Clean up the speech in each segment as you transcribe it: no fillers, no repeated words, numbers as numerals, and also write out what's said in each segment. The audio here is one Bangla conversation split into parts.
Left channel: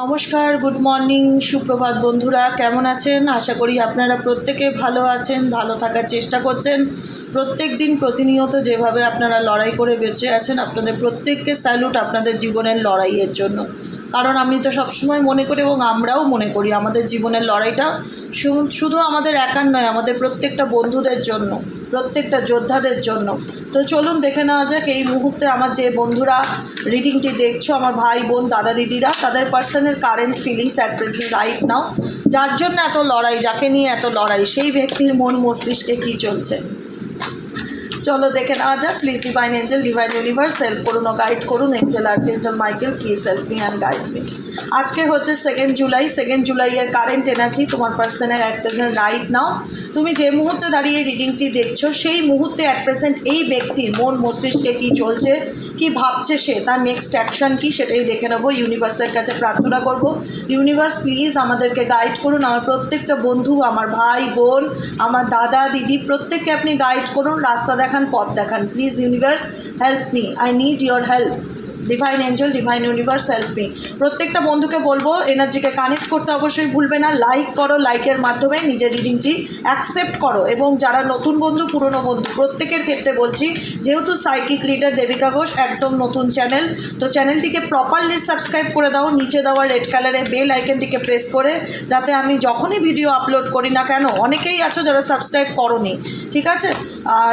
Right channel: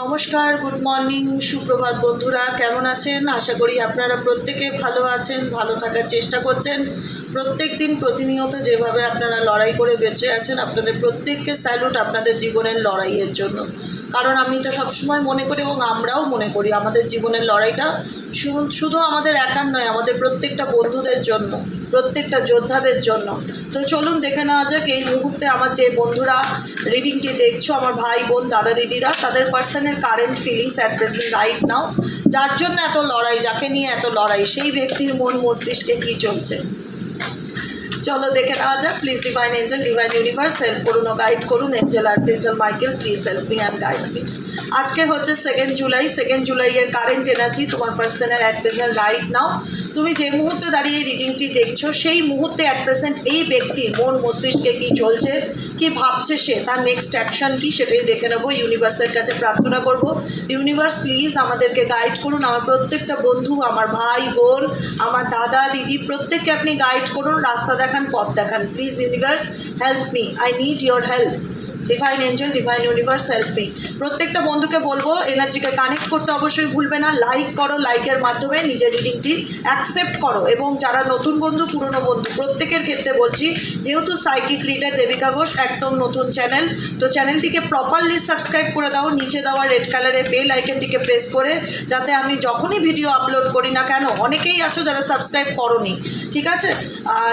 নমস্কার, গুড মর্নিং, সুপ্রভাত বন্ধুরা, কেমন আছেন? আশা করি আপনারা প্রত্যেকে ভালো আছেন, ভালো থাকার চেষ্টা করছেন। প্রত্যেক দিন প্রতিনিয়ত যেভাবে আপনারা লড়াই করে বেঁচে আছেন, আপনাদের প্রত্যেককে স্যালুট আপনাদের জীবনের লড়াইয়ের জন্য। কারণ আমি তো সবসময় মনে করি এবং আমরাও মনে করি আমাদের জীবনের লড়াইটা শুধু আমাদের একার নয়, আমাদের প্রত্যেকটা বন্ধুদের জন্য, প্রত্যেকটা যোদ্ধাদের জন্য। তো চলুন দেখে নেওয়া যাক এই মুহূর্তে আমার যে বন্ধুরা রিডিংটি দেখছো, আমার ভাই বোন দাদা দিদিরা, তাদের personal current feelings at present right now, যার জন্য এত লড়াই, যাকে নিয়ে এত লড়াই, সেই ব্যক্তির মন মস্তিষ্কে কী চলছে। চলো দেখে নেওয়া যাক। Please divine angel, divine universe help করুন ও গাইড করুন। Angel archangel Michael, please help me and guide me. আজকে হচ্ছে 2 জুলাই। 2 জুলাইয়ের কারেন্ট এনার্জি তোমার পার্সনের অ্যাট প্রেজেন্ট রাইট নাও। তুমি যে মুহূর্তে দাঁড়িয়ে রিডিংটি দেখছো, সেই মুহূর্তে অ্যাট প্রেজেন্ট এই ব্যক্তির মন মস্তিষ্কে কী চলছে, কী ভাবছে সে, তার নেক্সট অ্যাকশান কী, সেটাই দেখে নেবো। ইউনিভার্সের কাছে প্রার্থনা করব, ইউনিভার্স প্লিজ আমাদেরকে গাইড করুন। আমার প্রত্যেকটা বন্ধু, আমার ভাই বোন, আমার দাদা দিদি, প্রত্যেককে আপনি গাইড করুন, রাস্তা দেখান, পথ দেখান। Please universe help me, I need your help. Divine angel, divine universe help me. প্রত্যেকটা বন্ধুকে বলবো এনার্জিকে কানেক্ট করতে অবশ্যই ভুলবে না। লাইক করো, লাইকের মাধ্যমে নিজের রিডিংটি অ্যাকসেপ্ট করো। এবং যারা নতুন বন্ধু, পুরনো বন্ধু, প্রত্যেকের ক্ষেত্রে বলছি, যেহেতু সাইকিক রিডার দেবিকা ঘোষ একদম নতুন চ্যানেল, তো চ্যানেলটিকে প্রপারলি সাবস্ক্রাইব করে দাও। নিচে দেওয়া রেড কালারের বেল আইকনটিকে প্রেস করে, যাতে আমি যখনই ভিডিও আপলোড করি না কেন, অনেকেই আছো যারা সাবস্ক্রাইব করোনি, ঠিক আছে?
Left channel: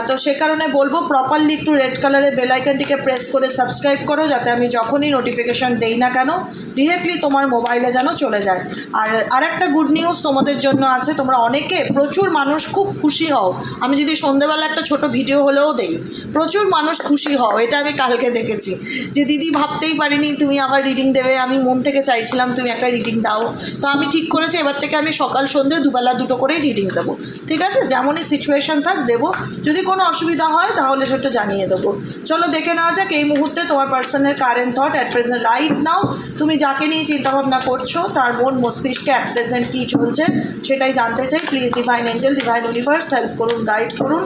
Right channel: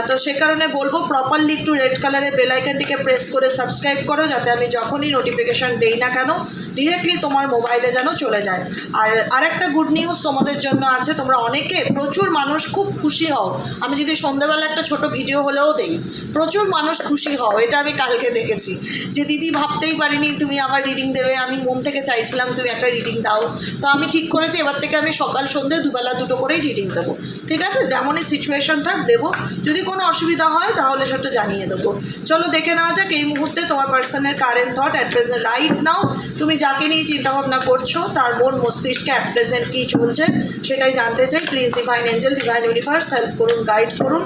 তো সে কারণে বলবো প্রপারলি একটু রেড কালারের বেল আইকনটিকে প্রেস করে সাবস্ক্রাইব করো, যাতে আমি যখনই নোটিফিকেশান দেই না কেন ডিরেক্টলি তোমার মোবাইলে যেন চলে যায়। আর আরেকটা গুড নিউজ তোমাদের জন্য আছে। তোমরা অনেকে, প্রচুর মানুষ খুব খুশি হও। আমি যদি সন্ধ্যেবেলা একটা ছোট ভিডিও হলেও দেই, প্রচুর মানুষ খুশি হও। এটা আমি কালকে দেখেছি যে দিদি ভাবতেই পারিনি তুমি আবার রিডিং দেবে, আমি মন থেকে চাইছিলাম তুমি একটা রিডিং দাও। তো আমি ঠিক করেছি এবার থেকে আমি সকাল সন্ধ্যে দুবেলা দুটো করেই রিডিং দেবো, ঠিক আছে? যেমনই সিচুয়েশন থাক দেবো। যদি কোনো অসুবিধা হয় তাহলে সেটা জানিয়ে দেবো। চলো দেখে নেওয়া যাক এই মুহূর্তে তোমার পার্সনের current thought at present right now. তুমি যাকে নিয়ে চিন্তাভাবনা করছো তার মন মস্তিষ্কে অ্যাট প্রেজেন্ট কী চলছে সেটাই জানতে চাই। Please divine angel, divine universe help করুন, গাইড করুন।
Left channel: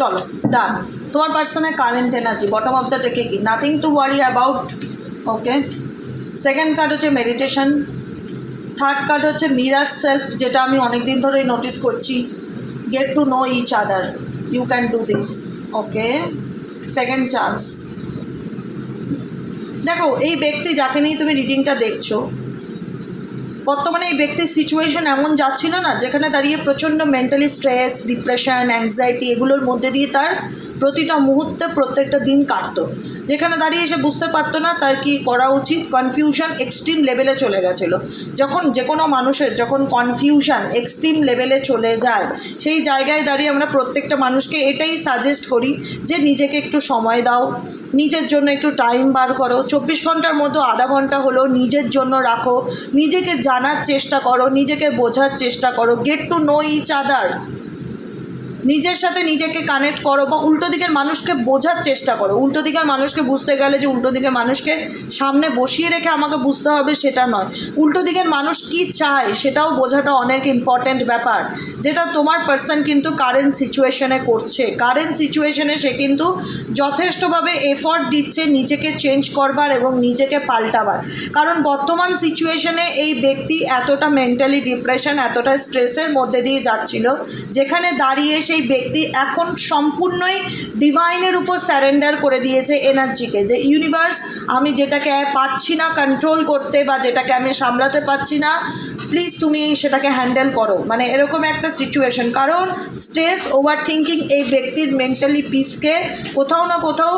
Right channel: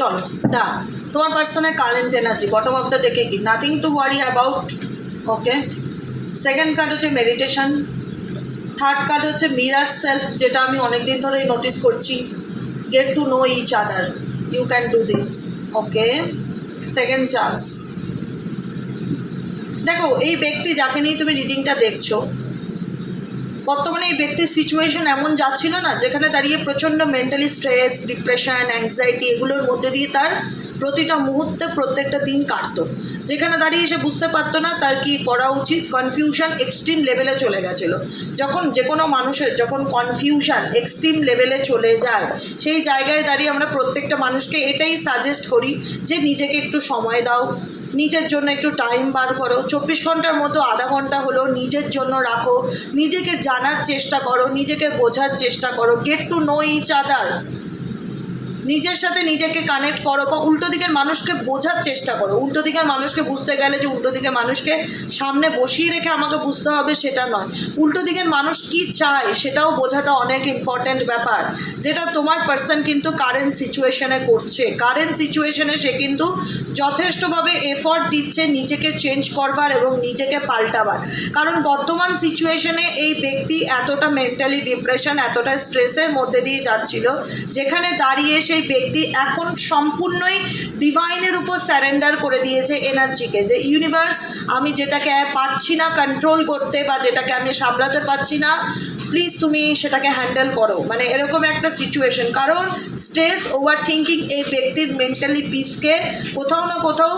চলো ডান। তোমার পার্সনের current energy bottom of the ডেকে কি, nothing to worry about. Okay, second card হচ্ছে মেডিটেশন। থার্ড কার্ড হচ্ছে মিরার সেলফ, যেটা আমি অনেক দিন ধরেই নোটিস করছি। Get to know each other, you can do this. Okay, second chance. দেখো এই ব্যক্তি যাকে নিয়ে তুমি রিডিংটা দেখছো, বর্তমানে এই ব্যক্তির সিচুয়েশন এমন যাচ্ছিল না, যেখানে দাঁড়িয়ে প্রচণ্ড মেন্টালি স্ট্রেস, ডিপ্রেশন, অ্যাংজাইটি, এগুলোর মধ্যে দিয়ে তার প্রতিটা মুহূর্তে প্রত্যেকটা দিন কাটতো, যেখানে দাঁড়িয়ে সে বুঝতে পারতো না তার কি করা উচিত। কনফিউশন এক্সট্রিম লেভেলে চলে গেছিলো। যখন যে কোনো মানুষের যখন কনফিউশন এক্সট্রিম লেভেলে চলে যায়, সেই জায়গায় দাঁড়িয়ে আমরা প্রত্যেকটা মানুষকে এটাই সাজেস্ট করি যে নিজেকে একটু সময় দাও, নিজের জন্য একটু টাইম বার করো। 24 ঘন্টার মতো আধা ঘন্টা হলো নিজের জন্য রাখো, নিজেকে জানার চেষ্টা করো, নিজেকে বোঝার চেষ্টা করো। Get to know each other, নিজের সাথে নিজেকে কানেক্ট করো, বা উল্টো দিকের মানুষকে বোঝার চেষ্টা করো। উল্টো দিকের মানুষকে বুঝতে গেলে যে উল্টো দিকের মানুষকে সামনে বসিয়ে রেখে আমাকে বুঝতে হবে সেটা নয়, উল্টো দিকের মানুষ কি চায় সেটাও বোঝাটা অনেক ইম্পর্ট্যান্ট ব্যাপার, যেটা তোমার পার্সন কিন্তু কারেন্ট সিচুয়েশনে করছে। কারেন্ট সিচুয়েশনে সে কিন্তু যথেষ্টভাবে এফর্ট দিচ্ছে নিজেকে চেঞ্জ করবার এবং নিজেকে পাল্টাবার। কারণ বর্তমান সিচুয়েশনে এই ব্যক্তি এতটা মেন্টালি ডিপ্রেশন, এতটা স্ট্রেসের মধ্যে দিয়ে যাচ্ছিল, যেখানে দাঁড়িয়ে সেই ব্যক্তি এখন সম্পূর্ণই ডিভাইনের উপর স্যারেন্ডার করে দিয়েছে এনার্জিকে, যে ইউনিভার্স আমি যেটাকে পারছি না কন্ট্রোল করতে, বা যেটাকে আমি সামলাতে পারছি না, প্লিজ তুমি সেটাকে হ্যান্ডেল করো। মানে এরকম একটা সিচুয়েশন। কারণ স্ট্রেস, ওভার থিঙ্কিং এই ব্যক্তির মেন্টালি পিসকে কোথাও না কোথাও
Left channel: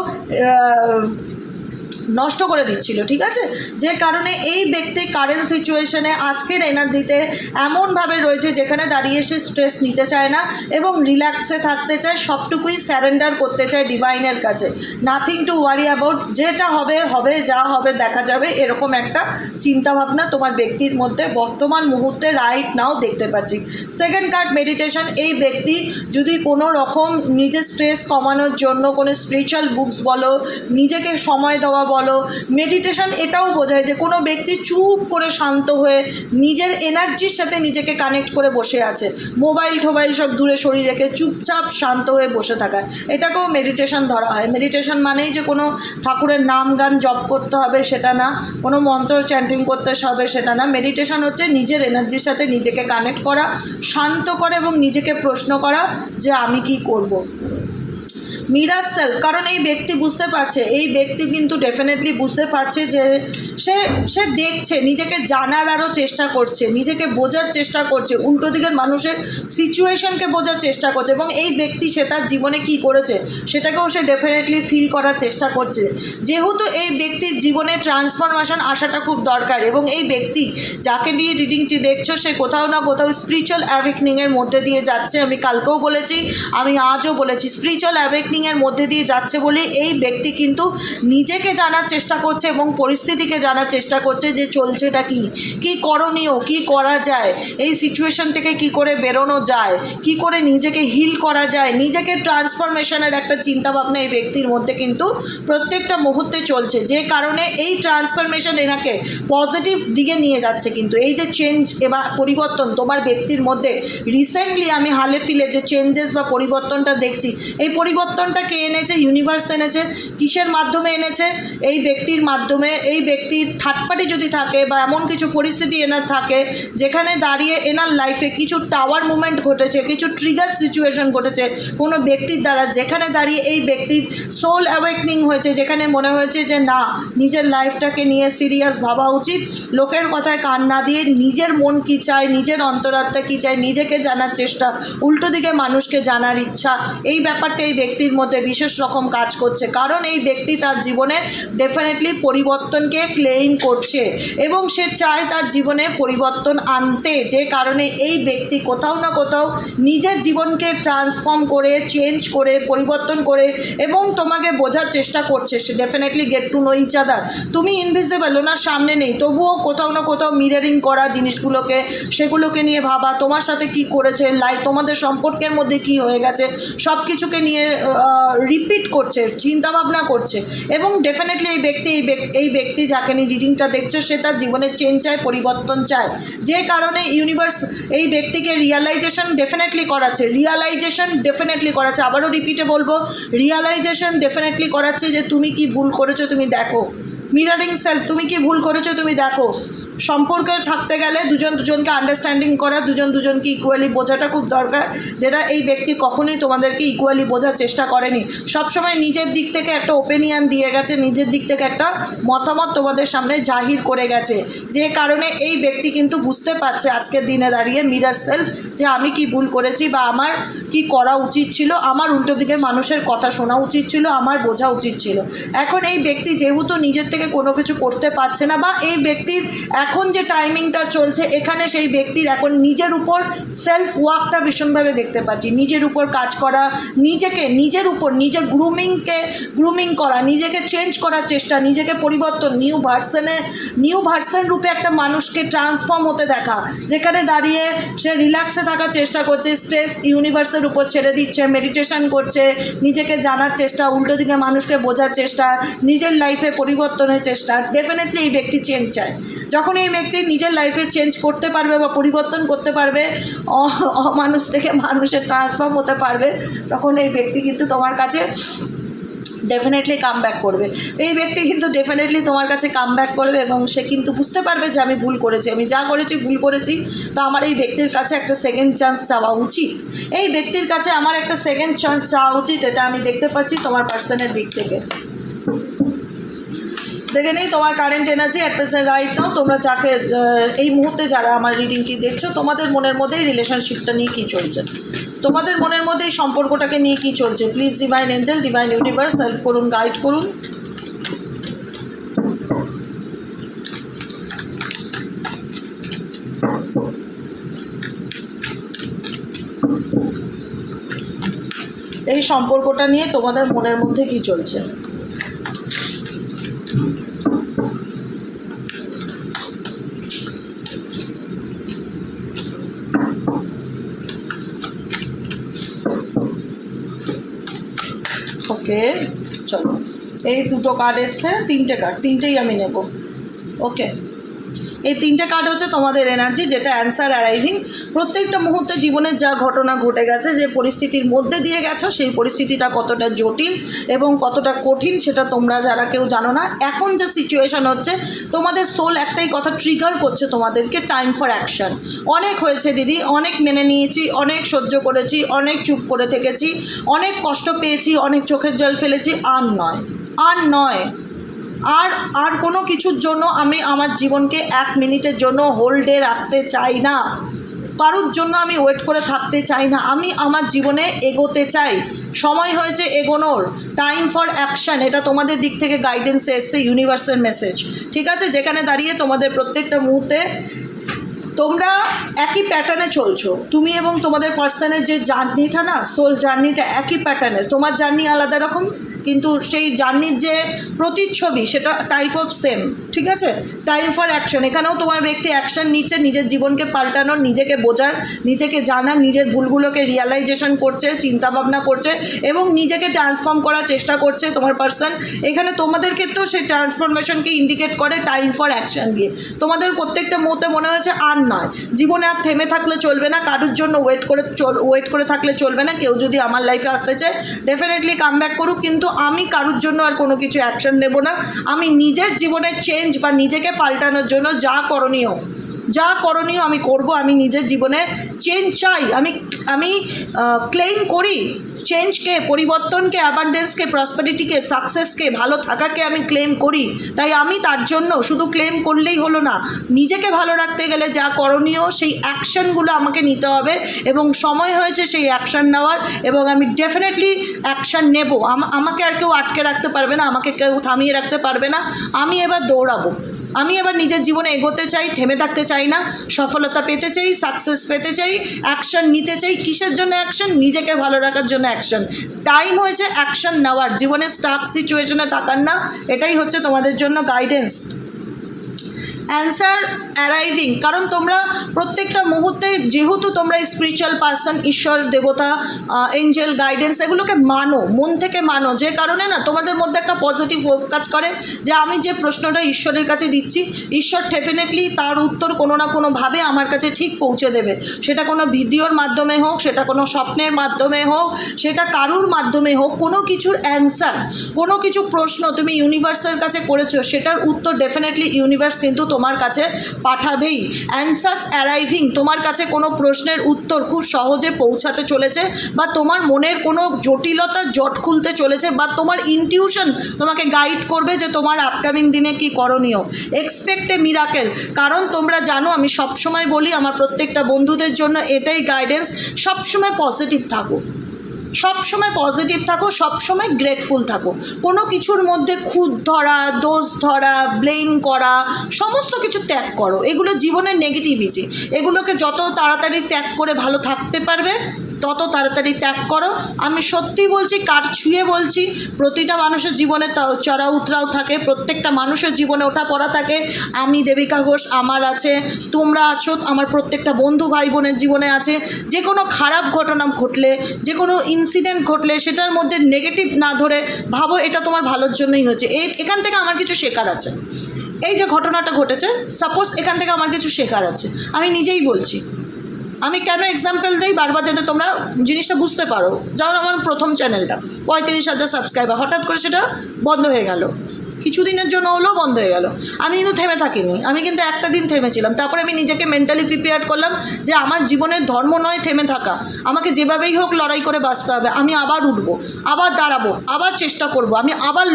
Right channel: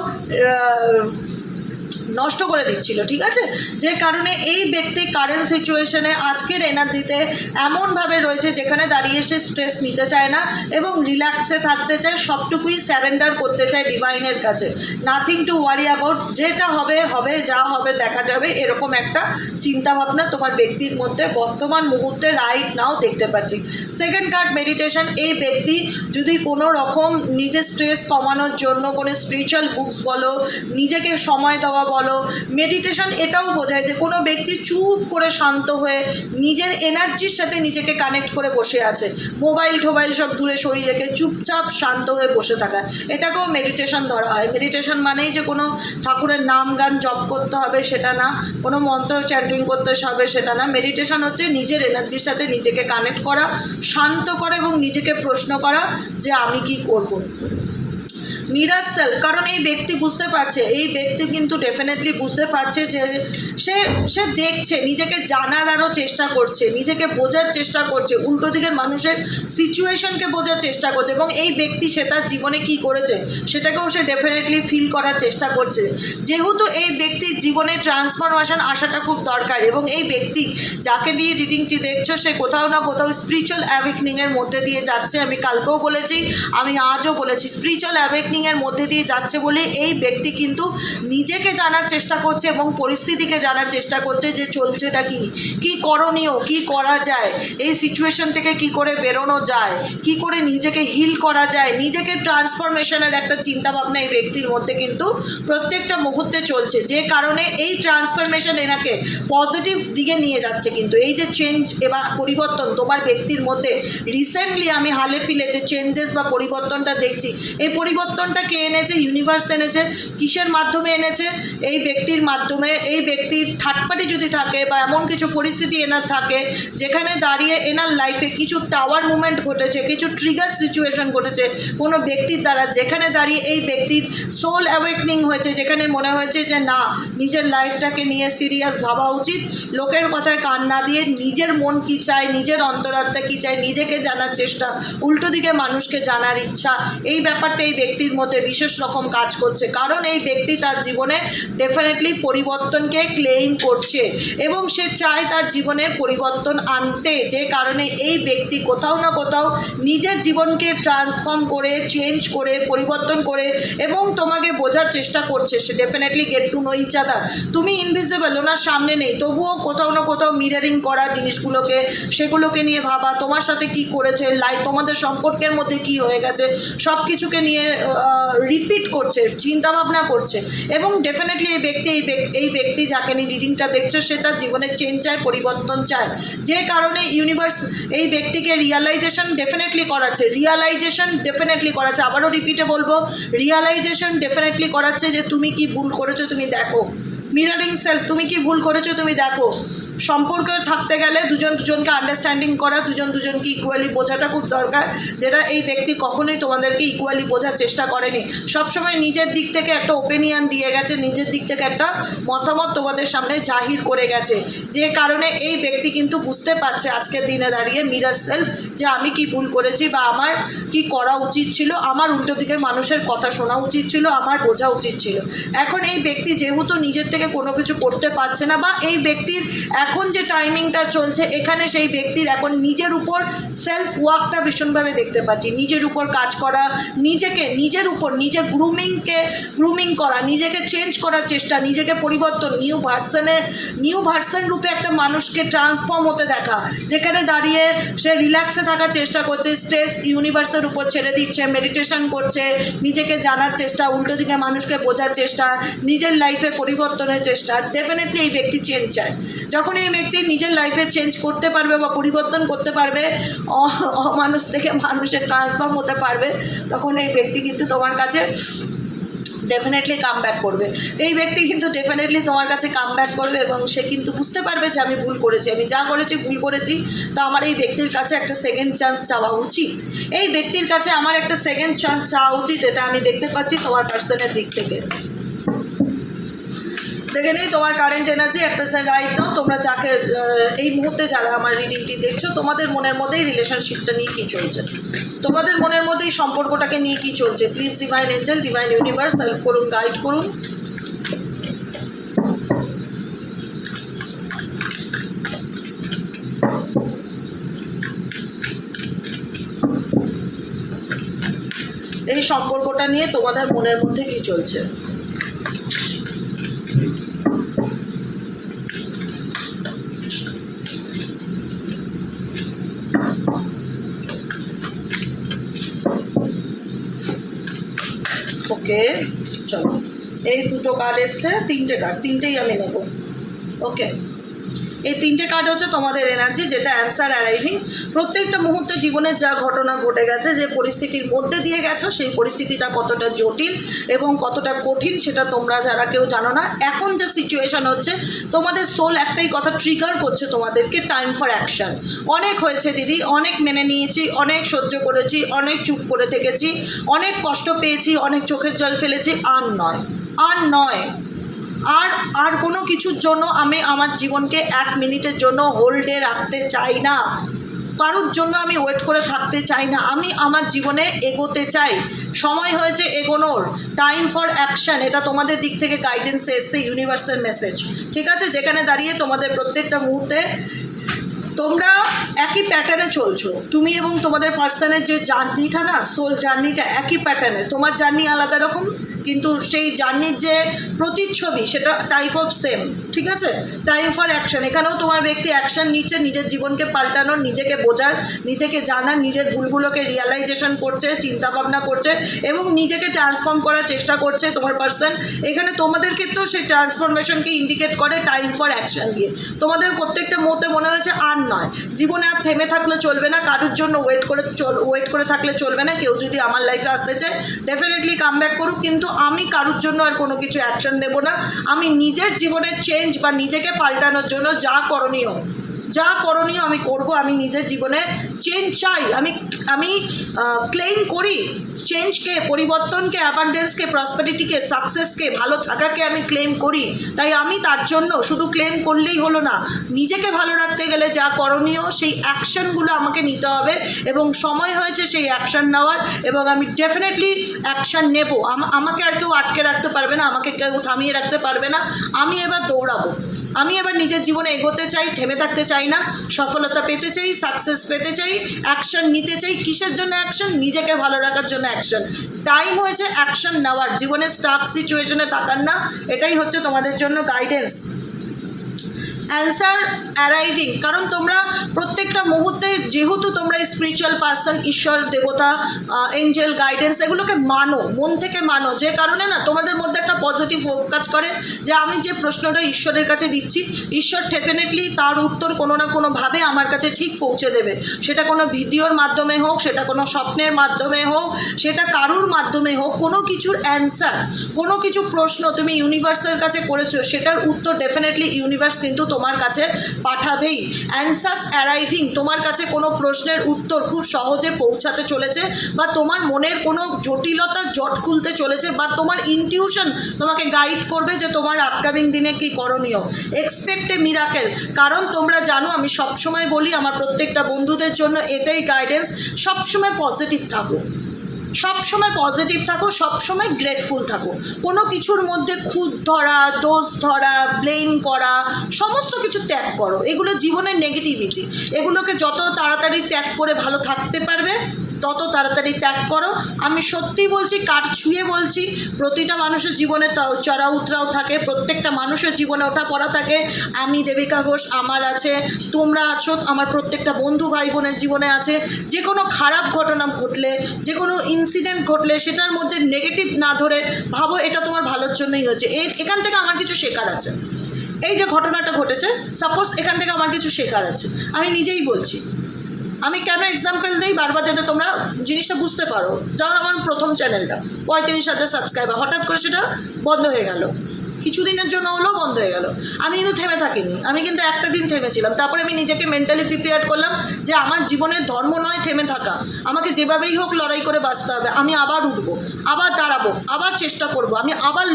নষ্ট করে দিচ্ছিল, ঠিক আছে? যে কারণে এই ব্যক্তি কারেন্ট সিচুয়েশনে আজকের এনার্জিতে এমনভাবে রয়েছে যেখানে দাঁড়িয়ে সে স্ট্রেস নিতে চায় না এবং রিল্যাক্সে থাকতে চায়, সবটুকুই স্যারেন্ডার করতে চায় ডিভাইনের কাছে। নাথিং টু ওয়ারি অ্যাবাউট, যেটা হবে হবে, যা হবে দেখা যাবে, এরকম একটা চিন্তাভাবনা তোমার ব্যক্তির মধ্যে বর্তমান মুহূর্তে রাইট নাও দেখতে পাচ্ছি। Second card meditation. এই ব্যক্তি যদি কোনো রকম নিজের স্ট্রেস কমানোর জন্য কোনো স্পিরিচুয়াল বুকস বলো, নিজেকে সময় দেওয়া বলো, মেডিটেশন এটাও বোঝায় যে কোনো ব্যক্তি চুপ করে শান্ত হয়ে নিজের এনার্জির সাথে নিজেকে কানেক্ট করে বসে আছে, মোবাইল টোবাইল সব দূরে সরিয়ে রেখে চুপচাপ শান্ত হয়ে বসে থাকা, এটাকেও মেডিটেশন ধরা হয়। মেডিটেশন মানেই যে কোনো ঠাকুরের নাম গান জপ করতে হবে সেটা না, কোনো মন্ত্র চ্যান্টিং করতে হবে সেটা না। মেডিটেশন হচ্ছে নিজের এনার্জির সাথে নিজেকে কানেক্ট করা, শান্ত করা এবং নিজেকে প্রশ্ন করা যে আমি কি করব। মিরার সেলফ, কারণ এই ব্যক্তি বুঝতে পারছে, এই ব্যক্তি কিন্তু ডেফিনেটলি বুঝতে পারছে যে সে দেখছে, নিজেকে জানার আরও চেষ্টা করছে, নিজেকে বোঝার চেষ্টা করছে, উল্টো দিকের মানুষের সিচুয়েশনকে বোঝার চেষ্টা করছে এবং এই ব্যক্তি সে তার জীবনে কি করেছে সেটাকেও সে ডেফিনেটলি ফিল করার চেষ্টা করছে। যেহেতু এই ব্যক্তির জীবনে ট্রান্সফরমেশন আসাটা খুব দরকার এবং এই ব্যক্তি যাকে নিয়ে রিডিংটি দেখছো সে কোথাও না কোথাও স্পিরিচুয়াল অ্যাওয়েকনিংয়ের মধ্যে দিয়ে যাচ্ছে। আমি কালকেও বলেছি, আমি আজও বলেছি, স্পিরিচুয়াল অ্যাওয়েকনিংয়ের মধ্যে দিয়ে যাচ্ছে বলে এই ব্যক্তি কিন্তু নিজেকে জানার চেষ্টা করছে এবং পরিস্থিতিকে জানার চেষ্টা করছে যে চলছেটা কি করণীয়, কি করা যায়, এই সিচুয়েশন থেকে কি করে বেরোনো যায়, কি করে নিজেকে হিল করা যায়, নিজেকে ট্রান্সফরমেশনের একটা চিন্তাভাবনা এই ব্যক্তির মধ্যে কিন্তু প্রত্যেকটা মুহূর্তে চলছে, যে কারণে এই ট্রান্সফরমেশন এনাকে পজিটিভ দিকে নিয়ে যাচ্ছে। কিন্তু এই যে চেঞ্জ বা পরিবর্তন তোমার ব্যক্তির মধ্যে রিসেন্টলি আমি হালে পিলে যে চেঞ্জেস বা পরিবর্তনটা দেখছি, এই পরিবর্তনটা কে এনেছে? ইউনিভার্স এনেছে। কিসের মাধ্যমে এনেছে? এই ব্যক্তির মাধ্যমে। এই ব্যক্তির থার্ড পার্টি যদি থাকে বা এমন কিছু পরিস্থিতি এনার থাকে যেখানে দাঁড়িয়ে এনার লাইফে কিছু টাওয়ার মুভমেন্ট ঘটেছে, কিছু ট্রিগার সিচুয়েশন ঘটেছে কোনো ব্যক্তির দ্বারা, যেখানে দাঁড়িয়ে এই ব্যক্তির সোল অ্যাওয়েকনিং হয়েছে, যেখানে মনে হয়েছে যে না, নিজের লাইফটাকে নিয়ে সিরিয়াস ভাবা উচিত, লোকের কথায় কান না দিয়ে নিজের মন কী চায়, নিজের অন্তরাত্মা কী চায়, নিজেকে জানার চেষ্টা, উল্টো দিকে মানুষকে জানার ইচ্ছা, এই ব্যাপারটা এই ব্যক্তির মধ্যে বিশেষ রকম কাজ করছে। কারণ এই ব্যক্তি তার জীবনে ডেফিনেটলি পরিবর্তনকে ক্লেইম করছে এবং সে চায় তার জীবনে পরিবর্তন আনতে, যে কারণে এই ব্যক্তি কোথাও না কোথাও নিজের জীবনকে ট্রান্সফর্ম করে, চেঞ্জ করে, পরিবর্তন করে এবং তোমাকে বোঝার চেষ্টা করছে। সে definitely get to know each other. তুমি ইনভিজিবল, ওনার সামনে নেই, তবুও কোথাও না কোথাও মিররিং করা জিনিসগুলোকে, সেগুলোকে নিয়ে ভাবা, তোমার সাথে কি করেছে, তোমাদের সম্পর্কের মধ্যে কি হয়ে গেছে, সব কিছুকে নিয়ে রিপিট করছে, চিন্তাভাবনা করছে এবং ডেফিনেটলি এই ব্যক্তি যাকে নিয়ে রিডিংটা দেখছো সে তার জীবনে চেঞ্জ চায়, পরিবর্তন চায়, যে কারণে ইউনিভার্স এই ব্যক্তিকে রিয়ালাইজেশন ডেফিনেটলি করাচ্ছে। আবারও রিপিটে বলবো, রিয়ালাইজেশন ডেফিনেটলি করাচ্ছে যে তুমি কি ভুল করেছো তুমি দেখো। মিররিং সেলফ, তুমি কি ভুল করেছো তুমি দেখো। সম্পর্কে থাকতে গেলে দুজনকে আন্ডারস্ট্যান্ডিং করা, দুজনকে ইকুয়ালি বোঝাটা খুব দরকার, যেটা এই ব্যক্তি কখনোই তোমাদেরকে ইকুয়ালি বোঝার চেষ্টা করেনি। সবসময় নিজের দিক থেকে একটা ওপিনিয়ন দিয়ে গেছে, নিজের দিক থেকে একটা মতামত তোমাদের সামনে জাহির করে গেছে, যে কারণে এই ব্যক্তি কিন্তু বুঝতে পারছে আজকের দিনে দাঁড়িয়ে মিরর সেলফ যে আমি কি ভুল করেছি বা আমার কি করা উচিত ছিল, আমার উল্টো দিকের মানুষের কথা শোনা উচিত ছিল, আমার বোঝা উচিত ছিল। এখন এই ব্যক্তি যেহেতু নিজের থেকে কোনো কিছু করতে পারছে না বা এই ব্যক্তির এখন যে টাইমিংটা চলছে এখানে সেই ব্যক্তির এখন নিজের উপর সেলফ ওয়ার্কটা ভীষণভাবে দেখতে পাচ্ছি, নিজের উপর কাজ করা, নিজের উপর নিজের গ্রুমিং করা, নিজেকে চেঞ্জ করার চেষ্টা, নিজেকে পরিবর্তন, নিউ ভার্সন রূপে একটা মানুষকে ট্রান্সফর্ম হতে দেখা, যেখানে দাঁড়িয়ে সে রিল্যাক্সে থাকার চেষ্টা করছে, স্ট্রেস ইউনিভার্সের উপর ছেড়ে দিচ্ছে, মেডিটেশন করছে, নিজেকে জানার চেষ্টা, উল্টো দিকে মানুষকে বোঝার চেষ্টা, নিজের লাইফে পরিবর্তনের চেষ্টা। ডেফিনেটলি এই ব্যক্তি চেঞ্জ চায়। যখন এই ব্যক্তি নিজের লাইফে চেঞ্জ করতে পারবে বা পরিবর্তন করতে পারবে, অমানুষ থেকে মানুষের ট্রান্সফর্ম হতে পারবে, তখন এই ব্যক্তি কিন্তু তোমার কাছে ডেফিনেটলি কাম ব্যাক করবে। এই ব্যক্তি কিন্তু ডেফিনেটলি তোমার কাছে কাম ব্যাক করবে এবং সে কিন্তু বুঝতে পারবে যে আমি ভুল করেছি, আমি যা করেছি ভুল করেছি, তো আমার এই ব্যক্তির কাছে একটা সেকেন্ড চান্স চাওয়া উচিত, এই ব্যক্তির কাছে আমার একটা সেকেন্ড চান্স চাওয়া উচিত। এটা আমি দেখতে পাচ্ছি তোমার পার্সনের দিক থেকে। দেখে নিই তোমার current energy at present right now. তোমরা যাকে এই মুহূর্তে যারা আমার রিডিংটি দেখছো, তোমাদের মনের মধ্যে এই রিলেশনশিপটা নিয়ে কী চলছে, তোমাদের মনের মধ্যে এই সম্পর্কটাকে নিয়ে কী চলছে। Please divine angel, divine universe help করুন, গাইড করুন। এই সম্পর্কটা নিয়ে তোমাদের মনের মধ্যে কী চলছে। ওকে, চলো এই দুটো কার্ড এসছে, তিনটে কার্ড, তিনটেই আমি নেব। ওকে, এই তিনটে কার্ড হচ্ছে তোমাদের এনার্জি, যেটা অ্যান্সার অ্যারাইভিং। প্রত্যেকটা মুহূর্তে জীবনের যা ঘটনা ঘটে গেছে, যে পরিস্থিতির মধ্যে দিয়ে গেছো, সেই পরিস্থিতিটা কতটা জটিল এবং কতটা কঠিন সেটা তোমরা যারা কেউ জানো না। এখন যে সিচুয়েশন হচ্ছে, তোমাদের সোল একটাই কথা ট্রিগার করছে তোমাদেরকে, টাইম ফর অ্যাকশন। অনেক হয়েছে দিদি, অনেক মেনে নিয়েছি, অনেক সহ্য করেছি, অনেক চুপ করে থেকেছি, অনেক কষ্ট পেয়েছি, অনেক চোখের জল ফেলেছি, আর নয়, আর নয়, আর কোনো কিছুর জন্য আমি আমার জীবনকে 1 মিনিটের জন্য হোল্ডে রাখতে চাই না, কারোর জন্য আমি ওয়েট করে থাকতে চাই না। আমি আমার জীবনে এগোতে চাই। সময় হয়েছে এগোনোর, টাইম ফর অ্যাকশন। এটা তোমাদের দিক থেকে গাইডেন্স এসছে, ইউনিভার্সাল মেসেজ, ঠিক আছে? যেখানে দাঁড়িয়ে তোমাদের প্রত্যেকটা মুহূর্তে তোমরা একই প্যাটার্নে চলছো, তুমি এবং তোমাদের পার্সনের যে জার্নিটা না, সোল জার্নিটা একই প্যাটার্নের। তোমার জার্নি আলাদা রকম, কিন্তু সেই জার্নির যে প্রতিচ্ছবি সেটা টাইপ অফ সেম, ঠিক আছে? Time for action. এখানেও তোমার ব্যক্তি অ্যাকশন নিচ্ছে, নিজের জীবনকে পাল্টানোর, নিজেকে বোঝার, নিজেকে জানার, নিজের ভুলগুলোকে রিয়ালাইজেশন করছে, চিন্তাভাবনা করছে এবং নিজেকে ট্রান্সফর্ম করার চেষ্টা করছে তোমার পার্সন। এখানে তোমাদের ক্ষেত্রেও সেই ট্রান্সফরমেশনকে ইন্ডিকেট করে টাইম ফর অ্যাকশন দিয়ে। তোমাদের প্রত্যেকটা মুহূর্তে মনে হচ্ছে আর নয়, জীবনে আর থেমে থাকলে চলবে না, কারোর জন্য ওয়েট করে থাকলে চলবে না। কেউ যদি আমার লাইফে আসতে চায় ডেফিনেটলি কাম ব্যাক করুক, কিন্তু আমি কারোর জন্য আর কোনো কিছু অ্যাকশন নেব না। আমি নিজের জীবনের চেঞ্জ বা নিজেকে পাল্টানোর জন্য যা করণীয় আমি করব। আমি নিজের জীবনে চেঞ্জ চাই, আমি ক্লেম করি চেঞ্জকে, পরিবর্তনকে, অ্যাবান্ডেন্সকে, প্রসপারিটিকে, সাকসেসকে, ভালো থাকাকে আমি ক্লেম করি। তাই আমি তার জন্য শুধু ক্লেম করলেই হলো না, নিজেকে ভালো রাখতে গেলে যা করণীয় সেই অ্যাকশনগুলো আমাকে নিতে হবে এবং সময় হয়েছে সেই অ্যাকশন নেওয়ার, এবং আমি ডেফিনেটলি অ্যাকশন নেব। আমাকে আর কেউ আটকে রাখতে পারবে না, আমাকে কেউ থামিয়ে রাখতে পারবে না। আমি এবার দৌড়াবো, আমি এবার নিজের জীবনে এগোতে চাই, থেমে থাকতে চাই না, সফলতা পেতে চাই, সাকসেস পেতে চাই, অ্যাকশন নিতে চাই। কিসের জন্য অ্যাকশন? নিজেকে ভালো রাখার জন্য অ্যাকশন। টাইম হয়েছে অ্যাকশন নেওয়ার, জীবনে স্টাক সিচুয়েশনে থাকার না। এটাই হচ্ছে তোমাদের জন্য গাইডেন্স, অ্যান্সার অ্যারাইভিং। কারণ তোমরা প্রত্যেকটা মুহূর্তে, যেহেতু তোমরা স্পিরিচুয়াল পার্সন, ঈশ্বর, দেবতা, এঞ্জেল, গাইডেন্স এগুলোকে মানো, মন থেকে মানো, যে কারণে না তোমাদের মধ্যে একটা পজিটিভ হোপ কাজ করে যে আমি যে প্রশ্নটা ঈশ্বরের কাছে দিচ্ছি, ঈশ্বর ডেফিনেটলি তার উত্তর কোনো না কোনোভাবে আমার কাছে ঠিক পৌঁছে দেবে। সেটা কোনো ভিডিওর মাধ্যমে হোক, সেটা কোনো স্বপ্নের মাধ্যমে হোক, সেটা কারুর মাধ্যমে হোক, কোনো কিছুর অ্যান্সার, কোনো কিছু প্রশ্ন তুমি ইউনিভার্সের কাছে করেছো, সেটার উত্তর ডেফিনেটলি ইউনিভার্স কিন্তু তোমার কাছে পাঠাবেই। অ্যান্সার্স অ্যারাইভিং, তোমার কাছে কোনো প্রশ্নের উত্তর খুব সহজে পৌঁছাতে চলেছে, বা তোমার মনের কোনো জটিলতার জট খুলতে চলেছে, বা তোমার ইনটিউশন তোমাকে গাইড করবে যে তোমার আপকামিং দিনে কী করণীয়। এক্সপেক্ট এ মিরাকেল। কারণ তোমরা জানো, আমি সবসময় বলি আমার প্রত্যেকটা বন্ধুদের জন্য এটাই গাইডেন্স, সবসময় পজিটিভ থাকো, সবসময় পজিটিভ থাকো, সবসময় গ্রেটফুল থাকো। কোনো কিছুর মধ্যে খুঁত ধরা, দোষ ধরা, ব্লেম করা, সমস্ত কিছু ত্যাগ করো। এগুলো জীবনের নেগেটিভিটি, এগুলোকে যত তাড়াতাড়ি ত্যাগ করে ভালো থাকতে পারবে তত তাড়াতাড়ি ত্যাগ করো। আমি সত্যি বলছি, কার ছুঁয়ে বলছি, প্রতিটা মানুষের জীবনে চড়া উতরাও থাকে, প্রত্যেকটা মানুষের জীবনে ওঠা পড়া থাকে। আমি দেবিকা ঘোষ, আমার আছে, তোমরা আছো, আমার প্রত্যেকটা বন্ধু ভাই বোনের জীবনে আছে। যে কোনো খারাপ ঘটনা ঘটলে, যে কোনো ইনসিডেন্ট ঘটলে সেটার মধ্যে নেগেটিভ না ধরে ভাবো এটা তোমার ভালোর জন্যই হচ্ছে। এখান থেকে আমার কিছু শেখার আছে। এই যে ঘটনাটা ঘটেছে, সাপোজ এখান থেকে আমার কিছু শেখার আছে, আমি নিজেই বলছি। আমি কেন এক্সাম্পল দিই বারবার, যাতে তোমরা জিনিসটা বুঝতে পারো। যেমন আমার প্রথম চ্যানেলটা 35,000 সাবস্ক্রাইবার, হঠাৎ করে সেটা বন্ধ হয়ে গেল, কিছুদিনের জন্য হলেও বন্ধ হয়ে গেল। আমি কিন্তু থেমে থাকিনি, আমি কিন্তু একটা দিন থেমেছিলাম। তারপরে আমি নিজেকে মেন্টালি প্রিপেয়ার করলাম যে আমার জীবনের ধর্ম নয় থেমে থাকা, আমাকে যেভাবেই হোক লড়াই করে বাঁচতে হবে। আমি আবার উঠবো, আবার দাঁড়াবো, আবার চেষ্টা করব, আমি আবার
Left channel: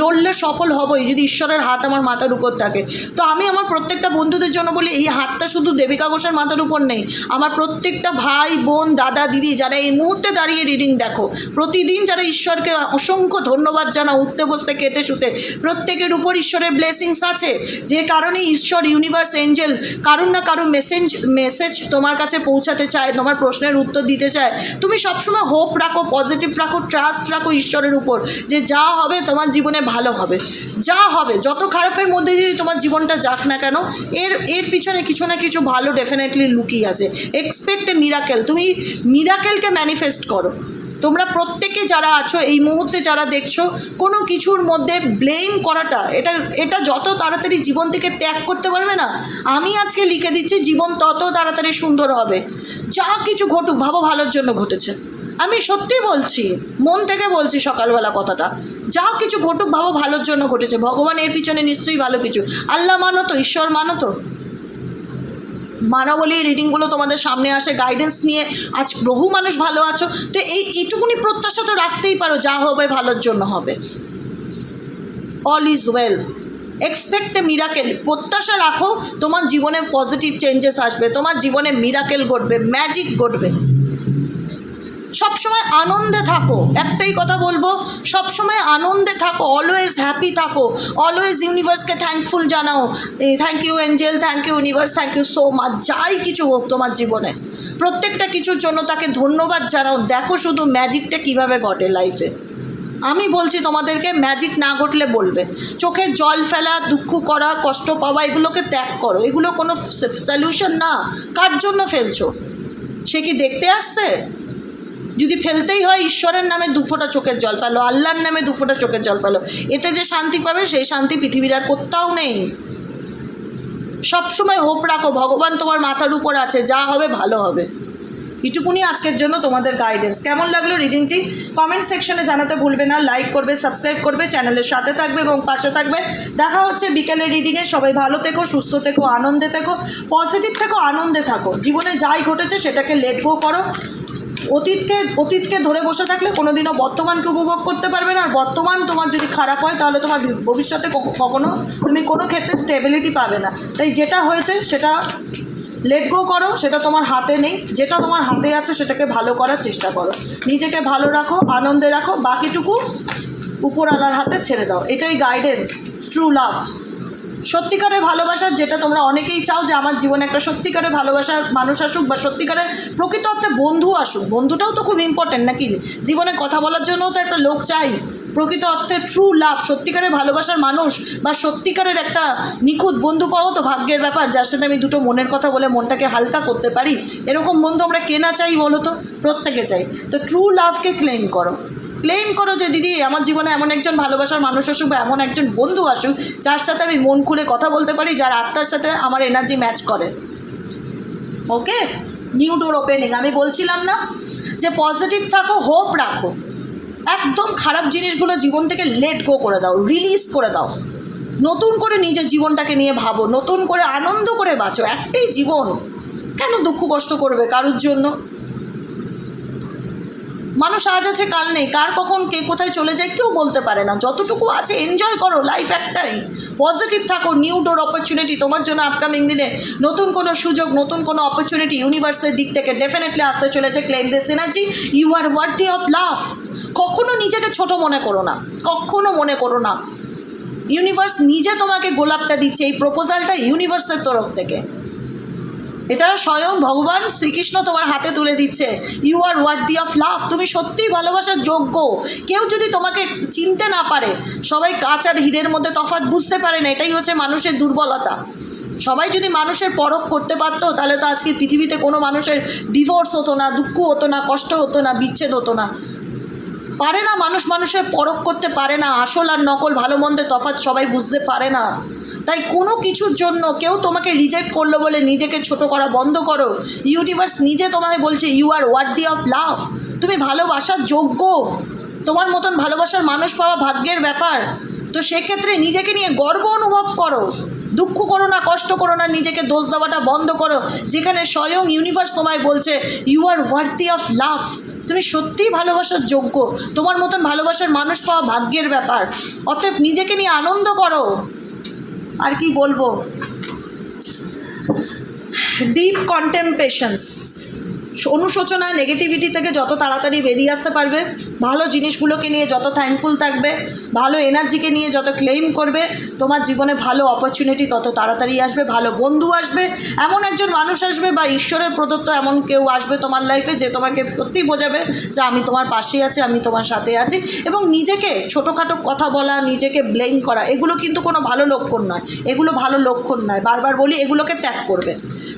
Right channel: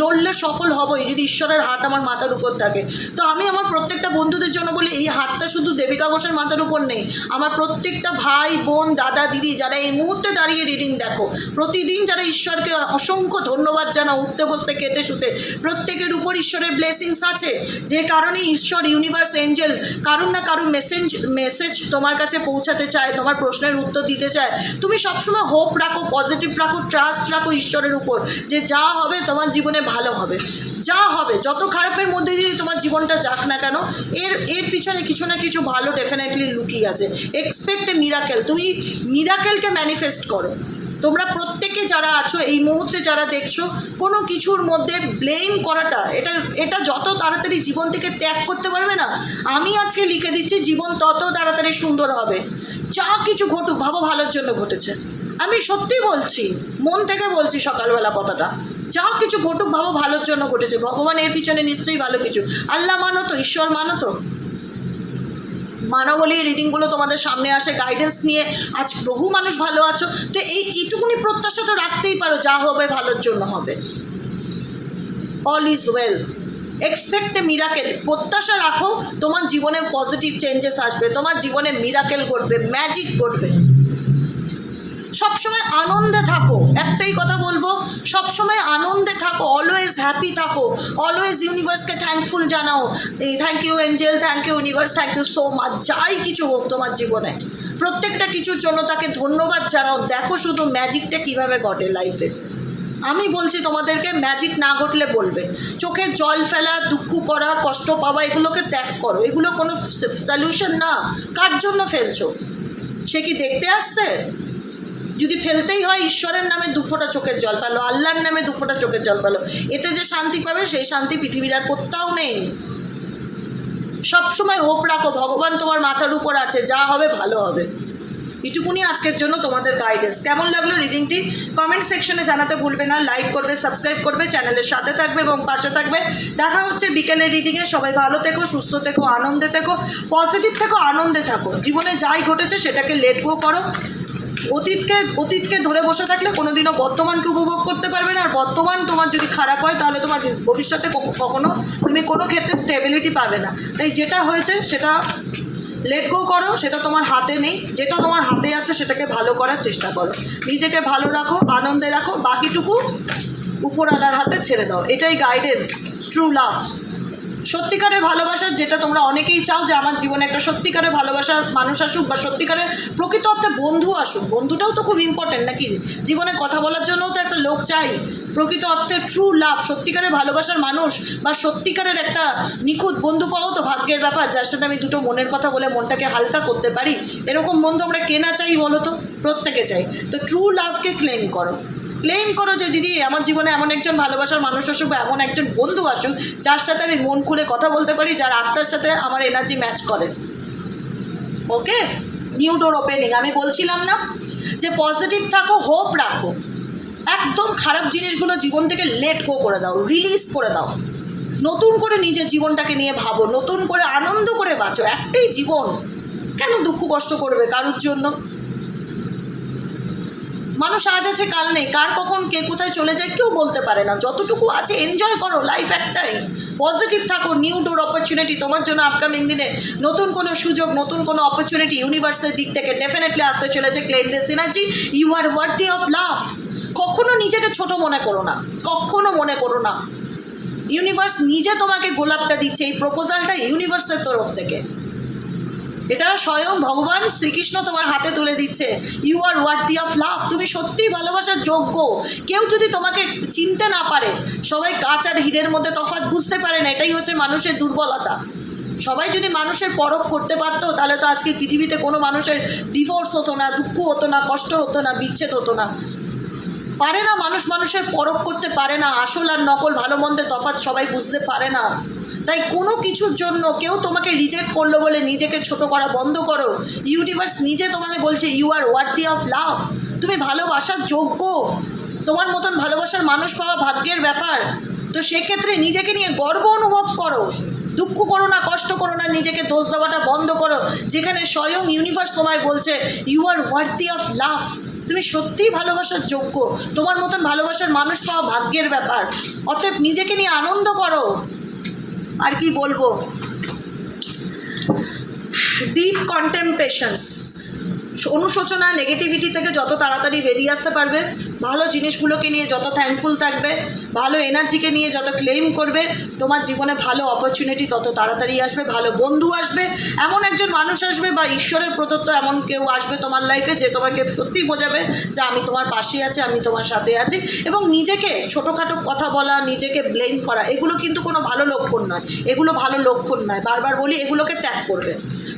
লড়লে সফল হবই যদি ঈশ্বরের হাত আমার মাথার উপর থাকে। তো আমি আমার প্রত্যেকটা বন্ধুদের জন্য বলি, এই হাতটা শুধু দেবিকা ঘোষের মাথার উপর নেই, আমার প্রত্যেকটা ভাই বোন, দাদা দিদি যারা এই মুহূর্তে দাঁড়িয়ে রিডিং দেখো, প্রতিদিন যারা ঈশ্বরকে অসংখ্য ধন্যবাদ জানা, উঠতে বসতে খেতে শুতে, প্রত্যেকের উপর ঈশ্বরের ব্লেসিংস আছে। যে কারণে ঈশ্বর, ইউনিভার্স, এঞ্জেল কারুর না কারুর মেসেজ তোমার কাছে পৌঁছাতে চায়, তোমার প্রশ্নের উত্তর দিতে চায়। তুমি সবসময় হোপ রাখো, পজিটিভ রাখো, ট্রাস্ট রাখো ঈশ্বরের উপর, যে যা হবে তোমার জীবনে ভালো হবে। যা হবে, যত খারাপের মধ্যে দিয়ে তোমার জীবনটা যাক না কেন, এর পিছনে কিছু না কিছু ভালো ডেফিনেটলি লুকিয়ে আছে। এক্সপেক্ট এ মিরাকেল, তুমি মিরাকেলকে ম্যানিফেস্ট করো। তোমরা প্রত্যেকে যারা আছো এই মুহূর্তে যারা দেখছো, কোনো কিছুর মধ্যে ব্লেম করাটা, এটা যত তাড়াতাড়ি জীবন থেকে ত্যাগ করতে পারবে না, আমি আজকে লিখে দিচ্ছি জীবন তত তাড়াতাড়ি সুন্দর হবে। যা কিছু ঘটুক ভাবো ভালোর জন্য ঘটেছে, আমি সত্যি বলছি, মন থেকে বলছি সকালবেলা কথাটা। যা কিছু ঘটুক ভাবো ভালোর জন্য ঘটেছে, ভগবান এর পিছনে নিশ্চয়ই ভালো কিছু। আল্লাহ মানো তো, ঈশ্বর মানো তো, মানো বলি রিডিংগুলো তোমাদের সামনে আসে, গাইডেন্স নিয়ে আজ বহু মানুষ ভালো আছো। তো এইটুকুনি প্রত্যাশা তো রাখতেই পারো, যা হবে ভালোর জন্য হবে। All is well, expect A miracle. প্রত্যাশা রাখো তোমার জীবনে পজিটিভ চেঞ্জেস আসবে, তোমার জীবনে মিরাকেল ঘটবে, ম্যাজিক ঘটবে। সবসময় আনন্দে থাকো, একটাই কথা বলবো, সবসময় আনন্দে থাকো, অলওয়েজ হ্যাপি থাকো, অলওয়েজ ইউনিভার্সকে থ্যাঙ্কফুল জানাও। Thank you angel, thank you universe, thank you so much. যাই কিছু হোক তোমার জীবনে, প্রত্যেকটা কিছুর জন্য তাকে ধন্যবাদ জানাও। দেখো শুধু ম্যাজিকটা কীভাবে ঘটে লাইফে। আমি বলছি তোমাদেরকে, ম্যাজিক না ঘটলে বলবে। চোখে জল ফেলা, দুঃখ করা, কষ্ট পাওয়া, এগুলোকে ত্যাগ করো। এগুলো কোনো সলিউশন না। কার জন্য ফেলছো? সে কি দেখতে আসছে? যদি ফেলতেই হয়, ঈশ্বরের নামে দুফোঁটা চোখের জল ফেলো, আল্লাহর নামে দুফোঁটা চোখের জল ফেলো। এতে যে শান্তি পাবে সেই শান্তি পৃথিবীর আর কোথাও নেই। সবসময় হোপ রাখো, ভগবান তোমার মাথার উপর আছে, যা হবে ভালো হবে। এটুকুনি আজকের জন্য তোমাদের গাইডেন্স। কেমন লাগলো রিডিংটি কমেন্ট সেকশনে জানাতে ভুলবে না। লাইক করবে, সাবস্ক্রাইব করবে, চ্যানেলের সাথে থাকবে এবং পাশে থাকবে। দেখা হচ্ছে বিকেলের রিডিংয়ে। সবাই ভালো থেকো, সুস্থ থেকো, আনন্দে থেকো, পজিটিভ থেকো, আনন্দে থাকো। জীবনে যাই ঘটেছে সেটাকে লেট গো করো। অতীতকে ধরে বসে থাকলে কোনোদিনও বর্তমানকে উপভোগ করতে পারবে না। আর বর্তমান তোমার যদি খারাপ হয় তাহলে তোমার ভবিষ্যতে কখনো তুমি কোনো ক্ষেত্রে স্টেবিলিটি পাবে না। তাই যেটা হয়েছে সেটা লেট গো করো, সেটা তোমার হাতে নেই। যেটা তোমার হাতে আছে সেটাকে ভালো করার চেষ্টা করো, নিজেকে ভালো রাখো, আনন্দে রাখো, বাকিটুকু উপরওয়ালার হাতে ছেড়ে দাও। এটাই গাইডেন্স, ট্রু লাভ, সত্যিকারের ভালোবাসার, যেটা তোমরা অনেকেই চাও যে আমার জীবনে একটা সত্যিকারের ভালোবাসার মানুষ আসুক, বা সত্যিকারের প্রকৃত অর্থে বন্ধু আসুক। বন্ধুটাও তো খুব ইম্পর্টেন্ট নাকি? জীবনে কথা বলার জন্যও তো একটা লোক চাই। প্রকৃত অর্থে ট্রু লাভ, সত্যিকারের ভালোবাসার মানুষ বা সত্যিকারের একটা নিখুঁত বন্ধু পাওয়া তো ভাগ্যের ব্যাপার, যার সাথে আমি দুটো মনের কথা বলে মনটাকে হালকা করতে পারি। এরকম বন্ধু আমরা কেনা চাই বলো তো? প্রত্যেকে চাই। তো ট্রু লাভকে ক্লেম করো, ক্লেম করো যে দিদি আমার জীবনে এমন একজন ভালোবাসার মানুষ আসুক, বা এমন একজন বন্ধু আসুক যার সাথে আমি মন খুলে কথা বলতে পারি, যার আত্মার সাথে আমার এনার্জি ম্যাচ করে। ওকে, নিউ ডোর ওপেনিং। আমি বলছিলাম না যে পজিটিভ থাকো, হোপ রাখো, একদম খারাপ জিনিসগুলো জীবন থেকে লেট গো করে দাও, রিলিজ করে দাও। নতুন করে নিজের জীবনটাকে নিয়ে ভাবো, নতুন করে আনন্দ করে বাঁচো। একটাই জীবন, কেন দুঃখ কষ্ট করবে কারোর জন্য? মানুষ আজ আছে কাল নেই, কার কখন কে কোথায় চলে যায় কেউ বলতে পারে না। যতটুকু আছে এনজয় করো, লাইফ একটাই। পজিটিভ থাকো, নিউ ডোর অপরচুনিটি তোমার জন্য আপকামিং দিনে, নতুন কোনো সুযোগ, নতুন কোনো অপরচুনিটি ইউনিভার্সের দিক থেকে ডেফিনেটলি আসতে চলেছে। Claim this energy, you are worthy of love. কখনো নিজেকে ছোট মনে করো না, কখনো মনে করো না। ইউনিভার্স নিজে তোমাকে গোলাপটা দিচ্ছে, এই প্রপোজালটা ইউনিভার্সের তরফ থেকে। এটা স্বয়ং ভগবান শ্রীকৃষ্ণ তোমার হাতে তুলে দিচ্ছে। You are worthy of love, তুমি সত্যিই ভালোবাসার যোগ্য। কেউ যদি তোমাকে চিনতে না পারে, সবাই কাঁচ আর হীরের মধ্যে তফাৎ বুঝতে পারে না, এটাই হচ্ছে মানুষের দুর্বলতা। সবাই যদি মানুষের পরখ করতে পারতো তাহলে তো আজকে পৃথিবীতে কোনো মানুষের ডিভোর্স হতো না, দুঃখ হতো না, কষ্ট হতো না, বিচ্ছেদ হতো না। পারে না, মানুষের পরখ করতে পারে না, আসল আর নকল, ভালো মন্দের তফাৎ সবাই বুঝতে পারে না। তাই কোনো কিছুর জন্য কেউ তোমাকে রিজেক্ট করলো বলে নিজেকে ছোট করা বন্ধ করো। ইউনিভার্স নিজে তোমাকে বলছে you are worthy of love, তুমি ভালোবাসার যোগ্য। তোমার মতন ভালোবাসার মানুষ পাওয়া ভাগ্যের ব্যাপার। তো সেক্ষেত্রে নিজেকে নিয়ে গর্ব অনুভব করো, দুঃখ করো না, কষ্ট করো না, নিজেকে দোষ দেওয়াটা বন্ধ করো। যেখানে স্বয়ং ইউনিভার্স তোমায় বলছে you are worthy of love, তুমি সত্যিই ভালোবাসার যোগ্য। তোমার মতন ভালোবাসার মানুষ পাওয়া ভাগ্যের ব্যাপার। অতএব নিজেকে নিয়ে আনন্দ করো। আর কি বলবো, ডিপ কন্টেম্পলেশনস, অনুশোচনা, নেগেটিভিটি থেকে যত তাড়াতাড়ি বেরিয়ে আসতে পারবে, ভালো জিনিসগুলোকে নিয়ে যত থ্যাঙ্কফুল থাকবে, ভালো এনার্জিকে নিয়ে যত ক্লেম করবে, তোমার জীবনে ভালো অপরচুনিটি তত তাড়াতাড়ি আসবে, ভালো বন্ধু আসবে, এমন একজন মানুষ আসবে বা ঈশ্বরের প্রদত্ত এমন কেউ আসবে তোমার লাইফে যে তোমাকে সত্যিই বোঝাবে যে আমি তোমার পাশে আছি, আমি তোমার সাথে আছি। এবং নিজেকে ছোটোখাটো কথা বলা, নিজেকে ব্লেম করা, এগুলো কিন্তু কোনো ভালো লক্ষণ নয়, এগুলো ভালো লক্ষণ নয়। বারবার বলি, এগুলোকে ত্যাগ করবে।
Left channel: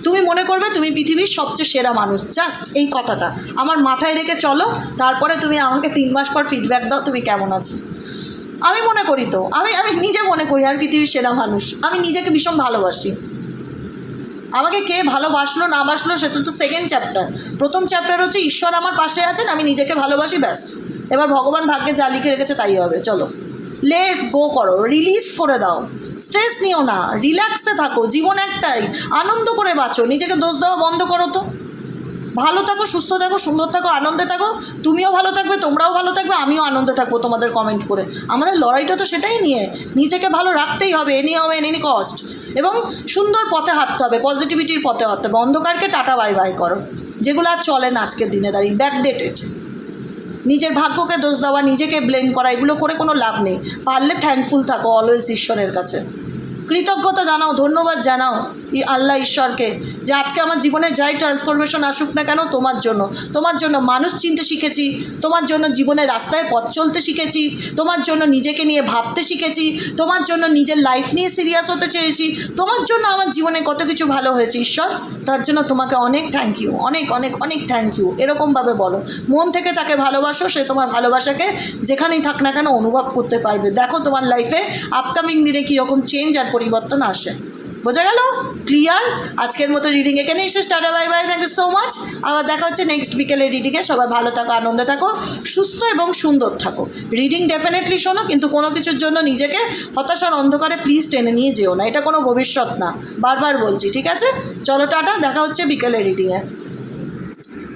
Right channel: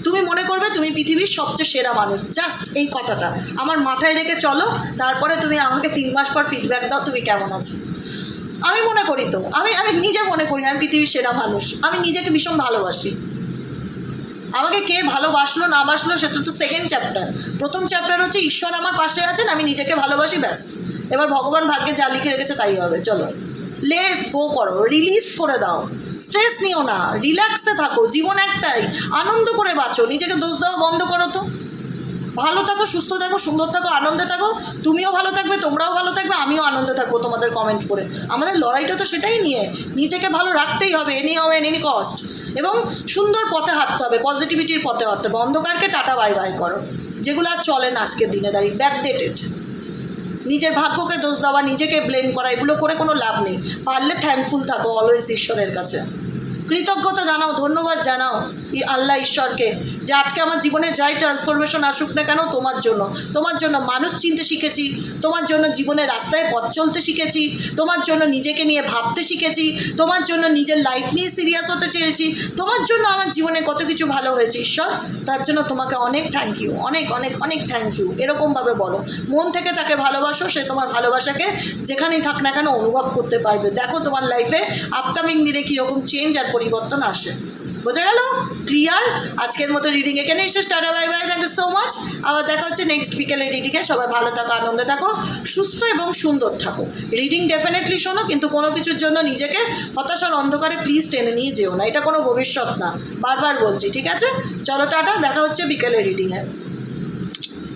তুমি মনে করবে তুমি পৃথিবীর সবচেয়ে সেরা মানুষ, জাস্ট এই কথাটা আমার মাথায় রেখে চলো। তারপরে তুমি আমাকে 3 মাস পর ফিডব্যাক দাও তুমি কেমন আছো। আমি মনে করি তো, আমি নিজে মনে করি আমি পৃথিবীর সেরা মানুষ, আমি নিজেকে ভীষণ ভালোবাসি। আমাকে কে ভালোবাসলো না বাসলো সেটা তো সেকেন্ড চ্যাপ্টার। প্রথম চ্যাপ্টার হচ্ছে ঈশ্বর আমার পাশে আছেন, আমি নিজেকে ভালোবাসি, ব্যাস। এবার ভগবান ভাগ্যে যা লিখে রেখেছে তাই হবে। চলো লেট গো করো, রিলিজ করে দাও, স্ট্রেস নিও না, রিল্যাক্সে থাকো, জীবন একটাই, আনন্দ করে বাঁচো, নিজেকে দোষ দেওয়া বন্ধ করো তো। ভালো থাকো, সুস্থ থাকো, সুন্দর থাকো, আনন্দে থাকো, তুমিও ভালো থাকবে, তোমরাও ভালো থাকবে, আমিও আনন্দে থাকবো তোমাদের কমেন্ট করে। আমাদের লড়াইটা তো সেটাই নিয়ে, নিজেকে ভালো রাখতেই হবে এনি হাউ এনি কস্ট, এবং সুন্দর পথে হাঁটতে হবে, পজিটিভিটির পথে হাঁটতে হবে। অন্ধকারকে টাটা বাই বাই করো, যেগুলো আর চলে না আজকের দিনে দাঁড়িয়ে, ব্যাকডেটেড। নিজের ভাগ্যকে দোষ দেওয়া, নিজেকে ব্লেম করা, এগুলো করে কোনো লাভ নেই। পারলে থ্যাঙ্কফুল থাকো অলওয়েজ ঈশ্বরের কাছে, কৃতজ্ঞতা জানাও, ধন্যবাদ জানাও আল্লাহ ঈশ্বরকে, যে আজকে আমার জীবনে যাই ট্রান্সফরমেশন আসুক না কেন তোমার জন্য মানুষ চিনতে শিখেছি, তোমার জন্য জীবনের রাস্তায় পথ চলতে শিখেছি, তোমার জন্য নিজেকে নিয়ে ভাবতে শিখেছি, তোমার জন্য নিজের লাইফ নিয়ে সিরিয়াস হতে চেয়েছি, তোমার জন্য আমার জীবনে কত কিছু ভালো হয়েছে ঈশ্বর, তার জন্য তোমাকে অনেক থ্যাংক ইউ, অনেক অনেক অনেক থ্যাংক ইউ। এরকমভাবে বলো, মন থেকে তাকে ভালোবাসো, সে তোমার ভালোবাসাকে যেখানেই থাক না কেন অনুভব করতে পারবে। দেখো তোমার লাইফে আপকামিং দিনে কীরকম চেঞ্জ আর পরিবর্তন আসে। বোঝা গেল? ক্লিয়ার? আজকের মতো রিডিং এখানে এসে টাটা bye bye, thank you so much. আবার দেখা হচ্ছে নেক্সট বিকেলের রিডিংয়ে। সবাই ভালো থাকো, আনন্দে থাকো, সুস্থ এবং সুন্দর থাকো। রিডিং ডেফিনেটলি শোনো, কিন্তু কোনো কিছুর জন্য নিজেকে হতাশার অন্ধকারে প্লিজ টেনে নিয়ে যেও না, এটা কোনো ভবিষ্যৎ না, বারবার বলছি, ঠিক আছে? চলো টাটা, দেখা হচ্ছে বিকেলের রিডিংয়ে।